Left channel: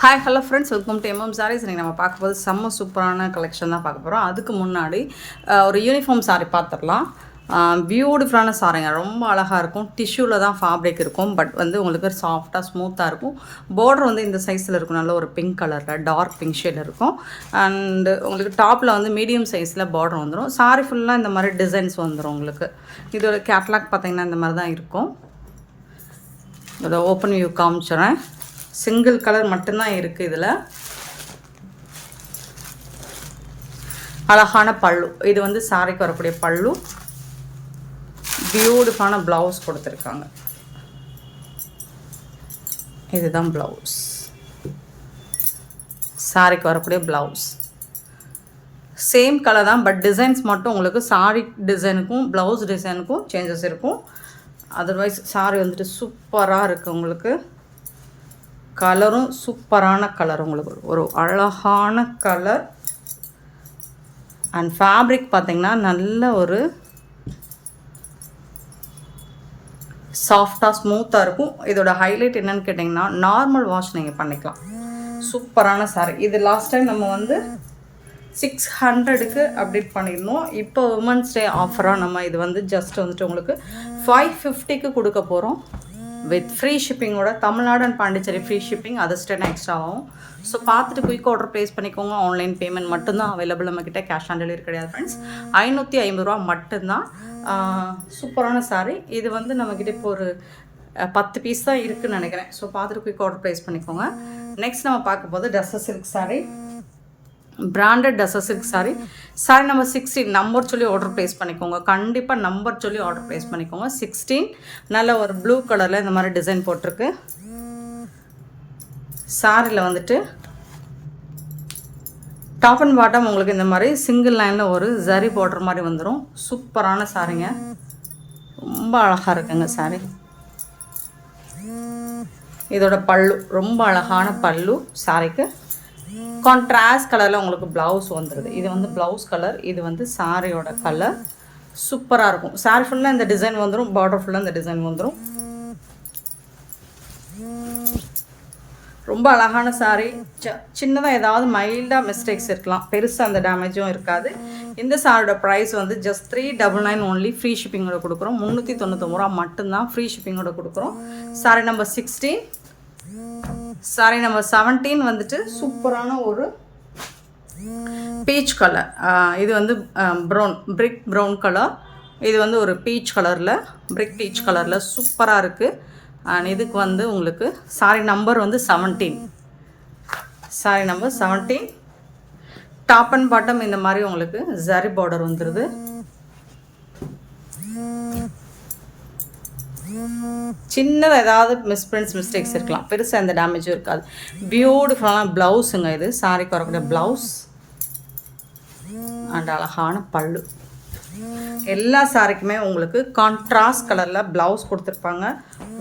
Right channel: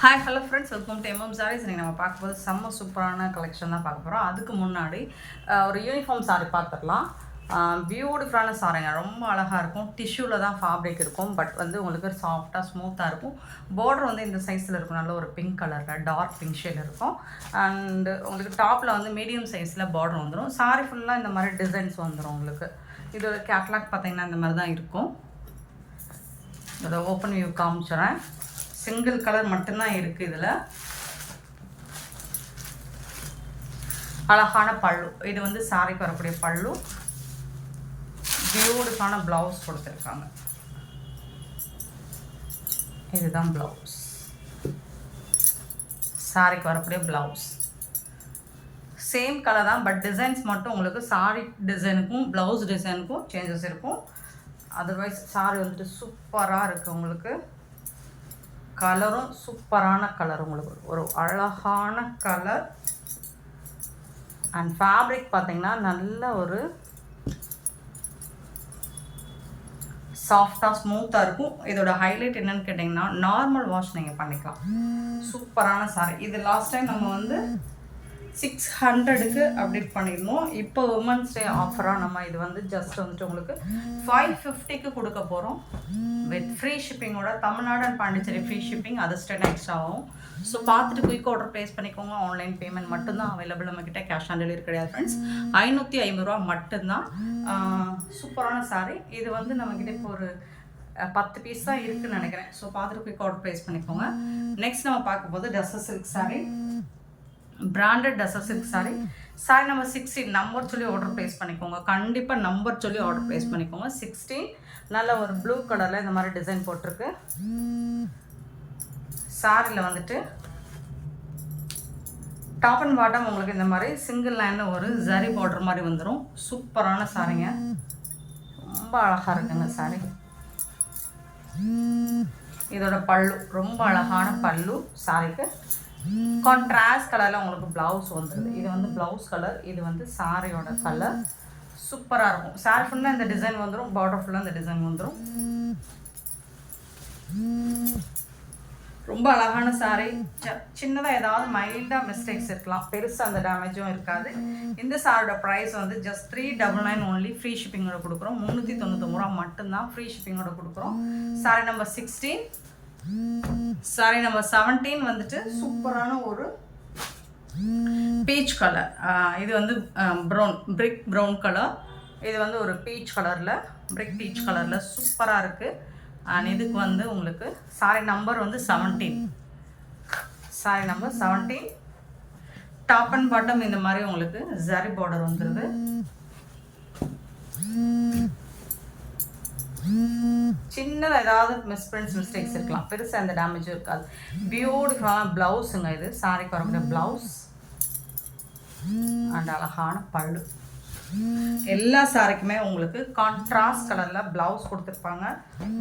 Hi hello friends, welcome to MM sarees. இன்றைக்கி நம்ம பார்க்க போது செம்ம சூப்பரான கலெக்ஷன் தான் பார்க்க போகிறோம். அதுக்கு முன்னாடி ஒரு யூனிஃபார்ம் சாரீ பார்த்துடலாம். பியூட்டிஃபுல்லான சாரீங்க, ரொம்ப அழகாக இருக்கும். டிஷ்யூவில் தான் ஃபேப்ரிக் இருக்கும், பட் வந்து உங்களுக்கு சாஃப்டாக ஸ்மூத்தாக இருக்கும். பார்டர் வந்து இந்த சைஸில் இருக்கும், நல்ல ஒரு பிங்க் கலரில் டார்க் பிங்க் ஷேட் இருக்கும். அண்டு உங்களுக்கு டாப்பில் வந்து மீடியம் சைஸில் பார்டர் வந்துடும். சாரீ ஃபுல்லாக இந்த மாதிரி டிசைன்ஸ் வந்துடும். உங்களுக்கு இதோட கேட்லாக் பார்த்திங்கன்னா இந்த மாதிரி தான் இருக்கும். இதை ஓப்பன் வியூ காமிச்சிடுறேன். சிங்கிள் கலர் மட்டும்தான் இருக்குது இதில். அழகான பல்லு, இது வந்து சாரிக்கு வரக்கூடிய பல்லு. பியூட்டிஃபுல்லான ப்ளவுஸ் கொடுத்துருக்காங்க. இதுதான் ப்ளவுஸ், சாரிக்கு வரக்கூடிய ப்ளவுஸ். சேம் கலர் தான், பட் டிசைன்ஸ் மட்டும் உங்களுக்கு சாரி டிசைனுக்கும் ப்ளவுஸ் டிசைனுக்கும் சேஞ்சஸ் இருக்கும். அதர்வைஸ் சாரி வந்துட்டு சூப்பராக இருக்குது. உங்களுக்கு கலரும் சூப்பரான கலர், உங்களுக்கு ஒரு அழகான கலர். அண்ட் ஃபேப்ரிக் பார்த்திங்கன்னா நல்ல ஒரு சாஃப்டாக ஸ்மூத்தாக இருக்கும். இதோட ஹைலைட் என்னன்னு கேட்டிங்கன்னா, நார்மல் வாஷ் நீங்கள் பண்ணிக்கலாம். சூப்பரான சாரி. இது லாஸ்ட் டைம் நம்ம வந்து 600க்கு அப்டேட் பண்ணியிருந்தோம். இப்போ உமன்ஸ் டே ஆஃபராக நம்ம இது வந்து ஜஸ்ட் வந்துட்டு உங்களுக்கு 550க்கு கொடுக்க போகிறோம். வித் ஃப்ரீ ஷிப்பிங்கோட. Tamil Nadu and Pondicherry free shipping, அது ஸ்டென் எக்ஸ்ட்ரா ஆகும். ஸோ பார்த்துட்டு குயிக் ஆர்டர் ப்ளேஸ் பண்ணிக்கோங்க. ஆன்லைன் பேமெண்ட் மட்டும்தான் அவைலபிள் நம்மக்கிட்ட, கேஷ் ஆன் டெலிவரி கிடையாது ஃப்ரெண்ட்ஸ். 550 ரூபா மட்டும்தான். சூப்பரான சாரீ. இது வந்து நம்மக்கிட்ட இப்போ ஒரு 10 பீஸ் தான் இருக்குதுன்னு நினைக்கிறேன். ஸோ பார்த்துட்டு குயிக் ஆர்டர் ப்ளேஸ் பண்ணிக்கோங்க. நெக்ஸ்ட் நம்ம பார்க்க போது tussar silk sari, branded tussar silk sari. Sorry number 16 number சொல்லி ஆர்டர் ப்ளேஸ் பண்ணிக்கோங்க. கண்டிப்பாக நம்பர் சொல்லி ஆர்டர் ப்ளேஸ் பண்ணிக்கோங்க. 16 நல்ல ஒரு ப்ளூ கலரில் இந்த மாதிரி டிசைன் போட்டிருக்கு. சாரியில் வந்துட்டு டாப் அண்ட் பாட்டம் உங்களுக்கு இந்த மாதிரி சிங்கிள் லைனில் ஒரு ஜரி பார்டர் மாதிரி வந்துடும். சூப்பரான சாரிங்க, ரொம்ப அழகாக இருக்குங்க சாரி. இதோட பல்லு ரொம்ப அழகான பல்லு. சாரிக்கு கான்ட்ராஸ்ட் கலரில் உங்களுக்கு ப்ளவுஸ் வந்துடுது. இது வந்து ப்ளவுஸ் கலர், இது வந்து சாரியோட கலர். சூப்பராக இருக்கும். சாரி ஃபுல்லாக இந்த டிசைன் வந்துடும், பார்டர் ஃபுல்லாக இந்த டிசைன் வந்துடும். ரொம்ப அழகான சாரி. சின்னதாக ஏதாவது மைல்டாக மிஸ்டேக்ஸ் இருக்கலாம், பெருசாக அந்த டேமேஜும் இருக்காது. இந்த சாரியோட ப்ரைஸ் வந்து ஜஸ்ட் 399 ஓன்லி. ஃப்ரீ ஷிப்பிங்கோட கொடுக்குறோம். 399 ரூபா மட்டும்தான் ஃப்ரீ ஷிப்பிங்கோட கொடுக்குறோம். Sorry number 16. சாரி நம்பர் 17 வந்துட்டு சூப்பரான ஒரு பீச் கலர். இது வந்து ப்ரௌன், பிரிக் ப்ரௌன் கலர். இது வந்து ஒரு பீச் கலரில், பிரிக் பீச் கலரில் சூப்பராக இருக்குது. அண்ட் இதுக்கு வந்து உங்களுக்கு சாரி நம்பர் வந்து 17. Sari number 17. Top and bottom இந்த மாதிரி உங்களுக்கு ஜரி பார்டர் வந்துடுது. சின்னதாக ஏதாவது மிஸ்டேக்ஸ் இருக்கலாம், பெருசாக எந்த டேமேஜும் இருக்காது. பியூட்டிஃபுல்லான ப்ளவுஸுங்க இது. சாரிக்கு வரக்கூடிய ப்ளவுஸ் அண்ட் அழகான பல்லு. எல்லா சாரிக்குமே உங்களுக்கு கான்ட்ராஸ்ட் கலரில் ப்ளவுஸ் கொடுத்துருப்பாங்க.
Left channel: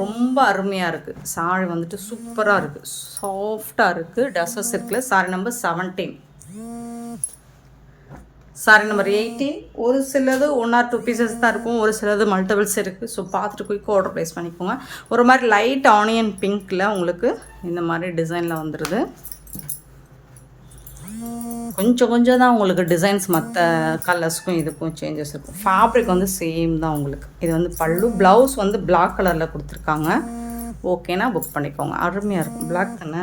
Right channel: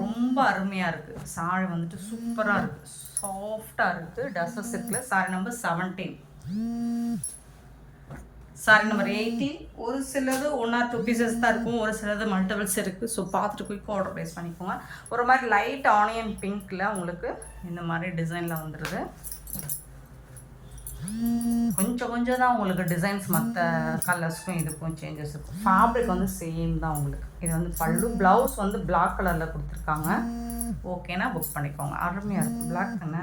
ரொம்ப அருமையாக இருக்குது. சாரி வந்துட்டு சூப்பராக இருக்குது, சாஃப்டாக இருக்குது. டஸ்ஸர் சில்கில் சாரி நம்பர் 17. சாரி நம்பர் 18. ஒரு சிலது 1 or 2 பீசஸ் தான் இருக்கும், ஒரு சிலது மல்டிபிள்ஸ் இருக்குது. ஸோ பார்த்துட்டு குயிக் ஆர்டர் ப்ளேஸ் பண்ணிக்கோங்க. ஒரு மாதிரி லைட் ஆனியன் பிங்க்கில் உங்களுக்கு இந்த மாதிரி டிசைனில் வந்துடுது. கொஞ்சம் தான் உங்களுக்கு டிசைன்ஸ் மற்ற கலர்ஸ்க்கும் இதுக்கும் சேஞ்சஸ் இருக்கும். ஃபேப்ரிக் வந்து சேம் தான் உங்களுக்கு. இது வந்து பல்லு. ப்ளவுஸ் வந்து பிளாக் கலரில் கொடுத்துருக்காங்க. ஓகேனா புக் பண்ணிக்கோங்க. அருமையாக இருக்கும். பிளாக் தானே,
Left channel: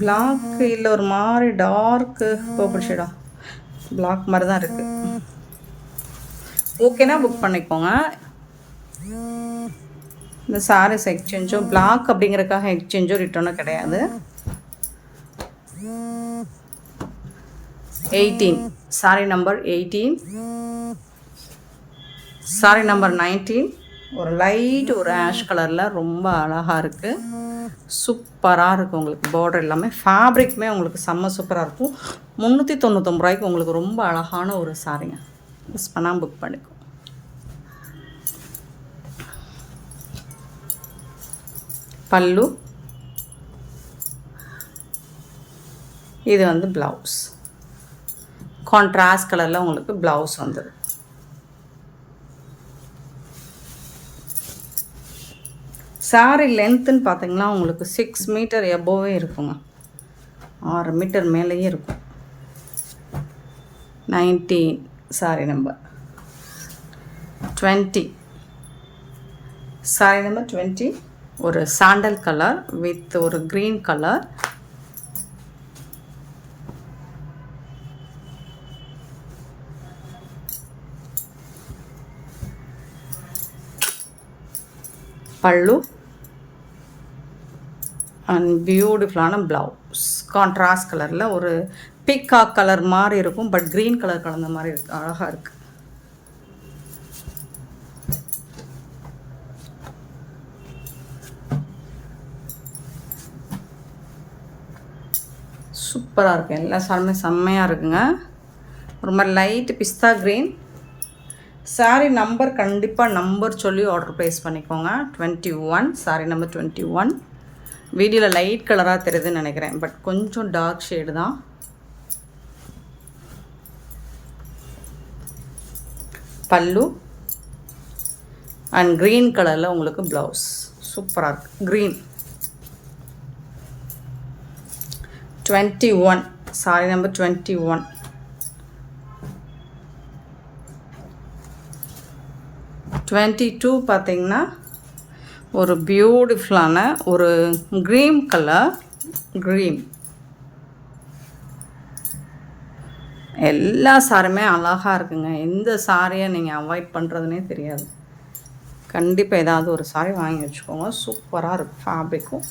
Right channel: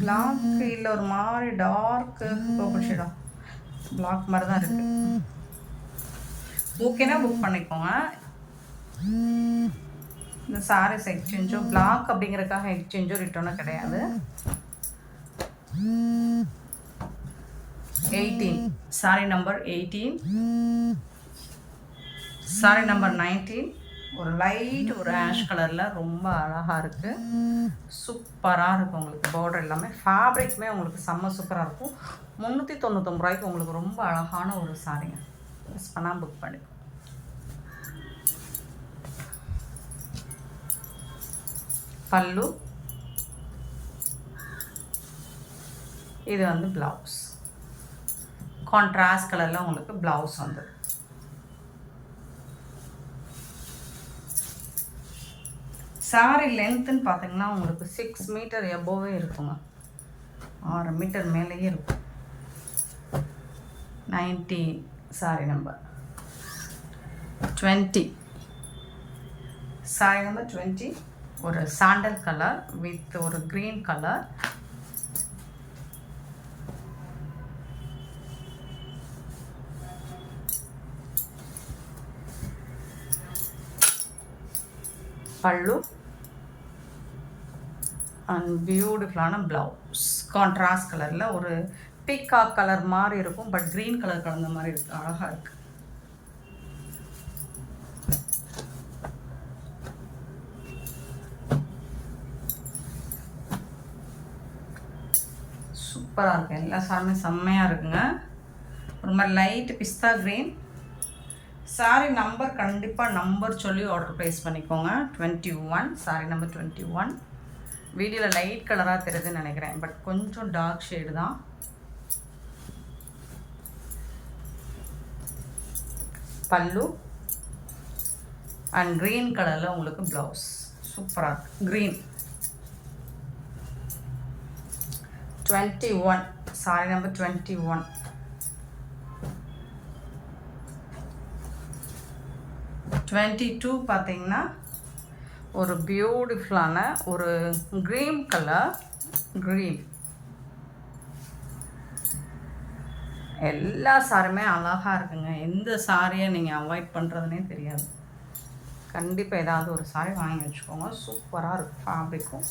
பிளாக் இல்லை, ஒரு மாதிரி டார்க்கு பர்பிள் ஷேடா, பிளாக் மாதிரி தான் இருக்குது. ஓகேனா புக் பண்ணிக்கோங்க. இந்த சாரீஸ் எக்ஸ்சேஞ்சோ பிளாக் அப்படிங்கிறதுக்காக எக்ஸ்சேஞ்சோ ரிட்டர்னோ கிடையாது. 18. Sorry number 18. Sorry number 19. ஒரு லைட் ஒரு ஆஷ் கலரில் ரொம்ப அழகாக இருக்குது. சூப்பராக இருக்குது. உங்களுக்கு பார்டர் எல்லாமே ஃபேப்ரிக்குமே உங்களுக்கு செம்ம சூப்பராக இருக்கும். 399 ரூபாய்க்கு உங்களுக்கு ரொம்ப அழகான ஒரு சாரிங்க. மிஸ் பண்ணாமல் புக் பண்ணிக்கோ. பல்லு, இது வந்து ப்ளவுஸ். கான்ட்ராஸ்ட் கலரில் உங்களுக்கு ப்ளவுஸ் வந்துடும். சாரி லென்த்துன்னு பார்த்தீங்கன்னா உங்களுக்கு 6 மீட்டர் எபோவே இருக்குங்க. 6 மீட்டர் மேலேயே இருக்கும். 19 சாரி நம்பர் 20. சாரி நம்பர் 20 ஒரு சாண்டல் கலர் வித் ஒரு க்ரீன் கலர். பல்லு அண்ட் பியூட்டிஃபுல்லான ப்ளவுஸ். கான்ட்ராஸ்ட் கலரில் ஒரு பீகாக் கலர் மாதிரி இருக்கும், பட் க்ரீன் கலர் கலந்த மாதிரி இருக்குது. அழகாக இருக்குது. சூப்பராக இருக்குது. எல்லா சாரியுமே செம்மையாக இருக்குங்க. ஒரு மாதிரி லைட் பிஸ்தா க்ரீன். சாரி நம்பர் கண்டிப்பாக நம்பர் சொல்லி ஆர்டர் ப்ளேஸ் பண்ணிக்கோங்க. 21 சாரி நம்பர் 21. வீடியோவில் லைட் கலராக தெரியுதுன்னு நினைக்கிறேன், பட் கொஞ்சம் டார்க் ஷேடு தான். பல்லு அண்ட் க்ரீன் கலரில் உங்களுக்கு ப்ளவுஸ். சூப்பராக இருக்குது. Green 21 sorry number 21. 22 பார்த்தீங்கன்னா ஒரு பியூட்டிஃபுல்லான ஒரு க்ரீன் கலர். க்ரீன் எல்லா சாரியுமே அழகாக இருக்குங்க. எந்த சாரியை நீங்கள் அவாய்ட் பண்ணுறதுனே தெரியாது. கண்டிப்பாக ஏதாவது ஒரு சாரி வாங்கி வச்சுக்கோங்க. சூப்பராக இருக்கும் ஃபேப்ரிக்கும்.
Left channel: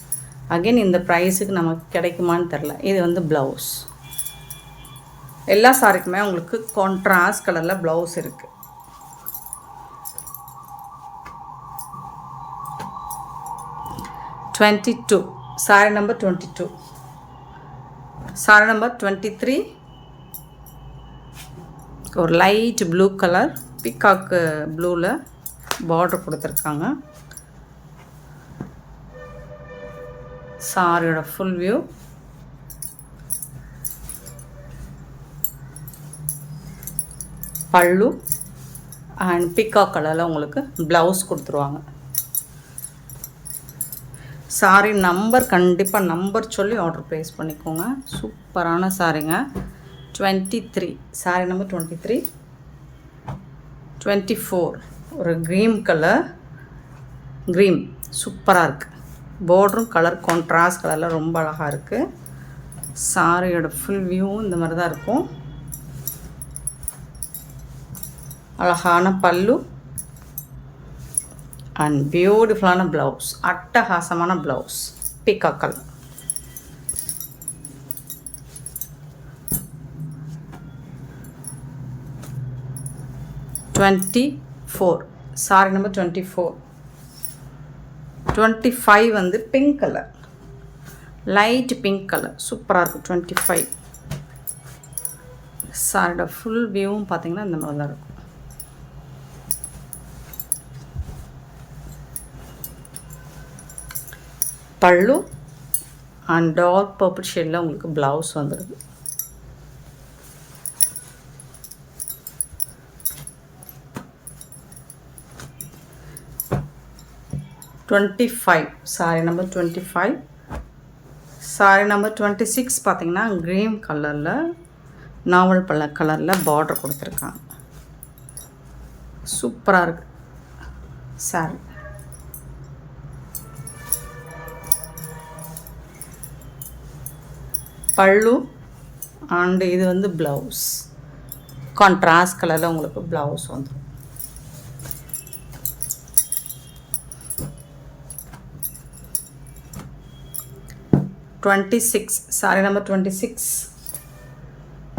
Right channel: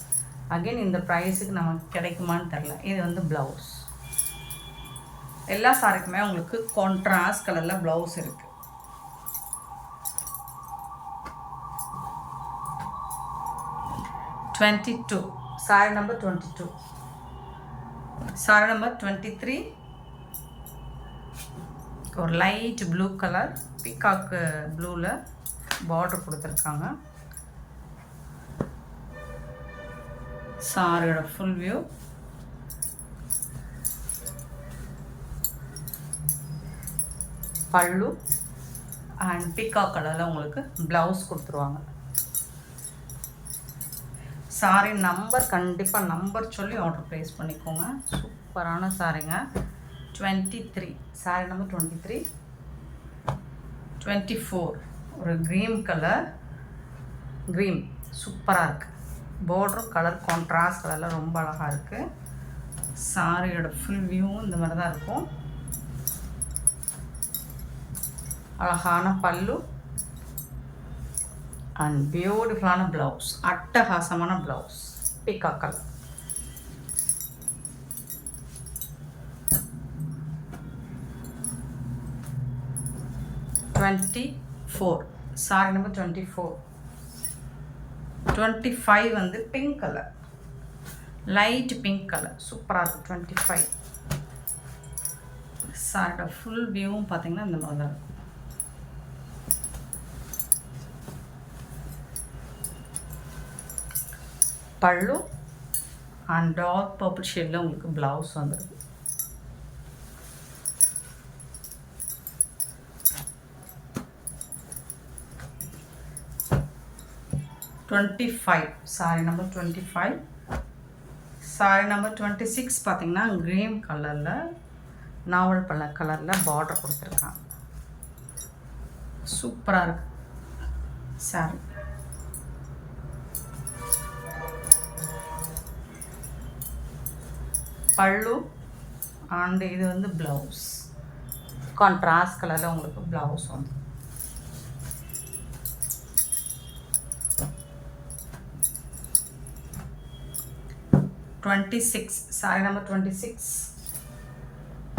அகெயின் இந்த ப்ரைஸுக்கு நமக்கு கிடைக்குமான்னு தெரில. இது வந்து ப்ளவுஸ். எல்லா சாரிக்குமே உங்களுக்கு கான்ட்ராஸ்ட் கலரில் ப்ளவுஸ் இருக்குது. Sorry number 22. சாரி நம்பர் 23 ஒரு லைட் ப்ளூ கலர் பீகாக் ப்ளூவில் பார்டர் கொடுத்துருக்காங்க. சாரியோட ஃபுல் வியூ. பல்லு அண்ட் பீகாக் கலரில் உங்களுக்கு ப்ளவுஸ் கொடுத்துருவாங்க. சாரி நம்பர் கண்டிப்பாக நம்பர் சொல்லி ஆர்டர் ப்ளேஸ் பண்ணிக்கோங்க. சூப்பரான சாரிங்க. 23 சாரி நம்பர் 23. 24 ஒரு க்ரீன் கலர். க்ரீன் சூப்பராக இருக்குது. பார்டரும் கலர் கான்ட்ராஸ்ட் கலரில் ரொம்ப அழகாக இருக்குது. சாரியோட ஃபுல் வியூவும் இந்த மாதிரி தான் இருக்கும். அழகான பல்லு அண்ட் பியூட்டிஃபுல்லான ப்ளவுஸ். அட்டகாசமான blouse peacock colour. Sorry number 24. 25 வந்து pink colour, light pink colour. சூப்பராக இருக்கும் 25. சாரியோட ஃபுல் வியூவும் பார்த்தீங்கன்னா இந்த மாதிரி தான் இருக்கும். பல்லு அண்ட் டார்க் பர்பிள் ஷேடில் உங்களுக்கு ப்ளவுஸ் வந்துடுது. Sorry number 25. சாரி நம்பர் 26 பார்த்தீங்கன்னா க்ரீன் கலரில் நாவல் பழ கலரில் பார்டர் கொடுத்துருக்காங்க. சூப்பராக இருக்குது சாரி. பல்லு அண்டு இது வந்து ப்ளவுஸ். கான்ட்ராஸ்ட் கலரில் உங்களுக்கு ப்ளவுஸ் வந்து. Sorry number 26.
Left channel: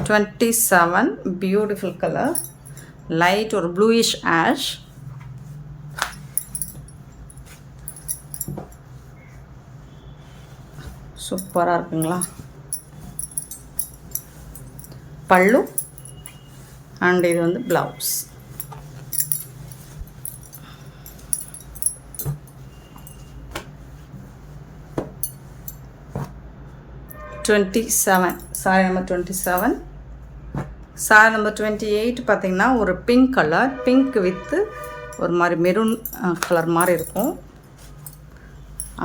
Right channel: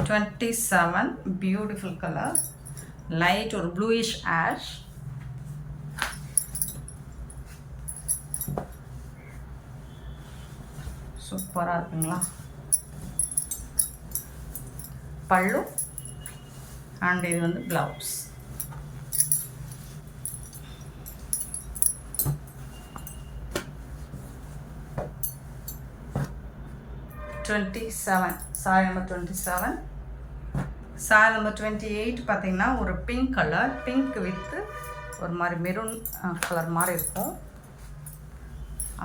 27 beautiful colour, light ஒரு ப்ளூயிஷ் ஆஷ். சூப்பராக இருக்குங்களா? பல்லு அண்ட் இது வந்து blouse. Sorry number 27. Sorry number 28 பார்த்தீங்கன்னா ஒரு பிங்க் கலர், பிங்க் வித்து ஒரு மாதிரி மெரூன் கலர் மாதிரி இருக்கும்.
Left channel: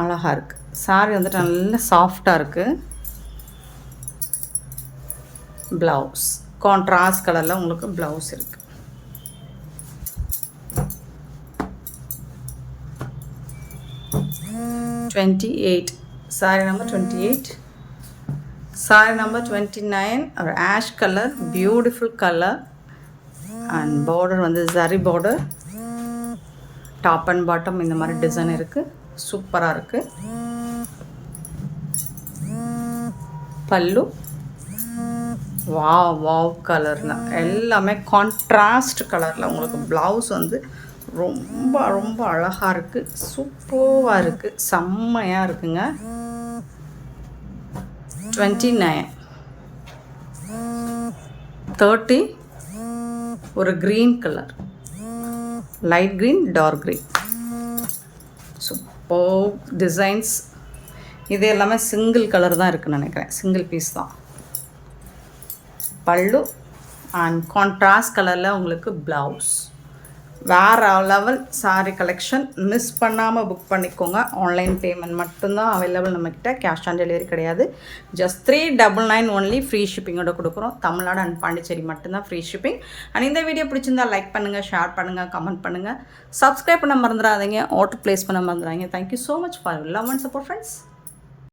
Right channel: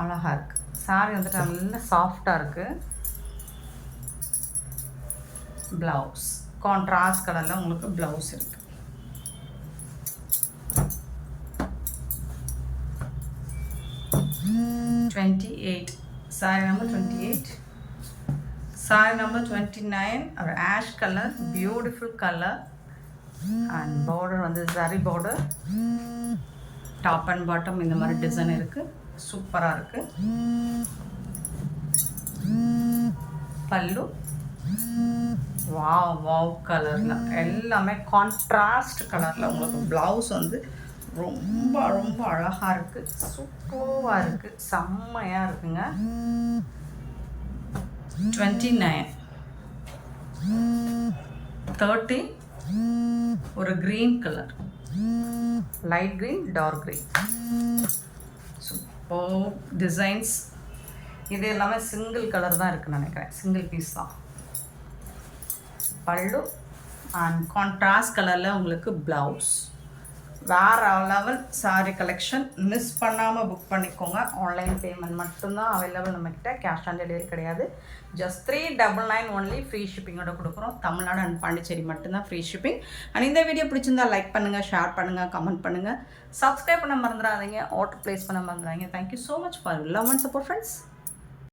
அழகாக இருக்குது. சாரி வந்துட்டு நல்ல சாஃப்டாக இருக்குது. ப்ளவுஸ் கான்ட்ராஸ்ட் கலரில் உங்களுக்கு ப்ளவுஸ் இருக்குது. Sorry number 28. சாரி நம்பர் 29 ஒரு ash colour, beautiful colour. And border வந்து zari border, top and bottom இந்த மாதிரி டிசைன் இருக்குது. சூப்பராக இருக்குது. பல்லு வாவ் கலர்னா எல்லாமே கான்ட்ராஸ்ட் கலரில் உங்களுக்கு ப்ளவுஸ் வந்து ரொம்ப ரொம்ப அழகாக இருக்குது. சூப்பராக இருக்குது. செம்மையாக இருக்குங்க. 29 30 ஒரு green colour, light green, dark green. Super designs. இது எல்லாமே சிங்கிள் கலர் தான் இருக்குன்னு நினைக்கிறேன். சிங்கிள் பீஸ் தான். பல்லு அண்ட் கான்ட்ராஸ்ட் கலரில் உங்களுக்கு ப்ளவுஸ். வேறு லெவல் சாரீ கலெக்ஷன். மிஸ் பண்ணாமல் புக் பண்ணிக்கோங்க. ஆன்லைன் பேமெண்ட் மட்டும்தான் அவைலபிள் நம்மக்கிட்ட. கேஷ் ஆன் டெலிவரி கிடையாது. Just 399 only. ஃப்ரீ ஷிப்பிங்கோட கொடுக்குறோம். தமிழ்நாடு அண்ட் பாண்டிச்சேரி மட்டும்தான் ஃப்ரீ ஷிப்பிங். அண்ட் இந்த வீடியோ பிடிச்சிருந்தா லைக் பண்ணுங்கள், ஷேர் பண்ணுங்கள், கமெண்ட் பண்ணுங்கள், சப்ஸ்கிரைப் பண்ண மறந்துடாதீங்க, ஆர்டர் ப்ளேஸ் பண்ண மறந்துடாதீங்க. Thank you so much for love and support friends.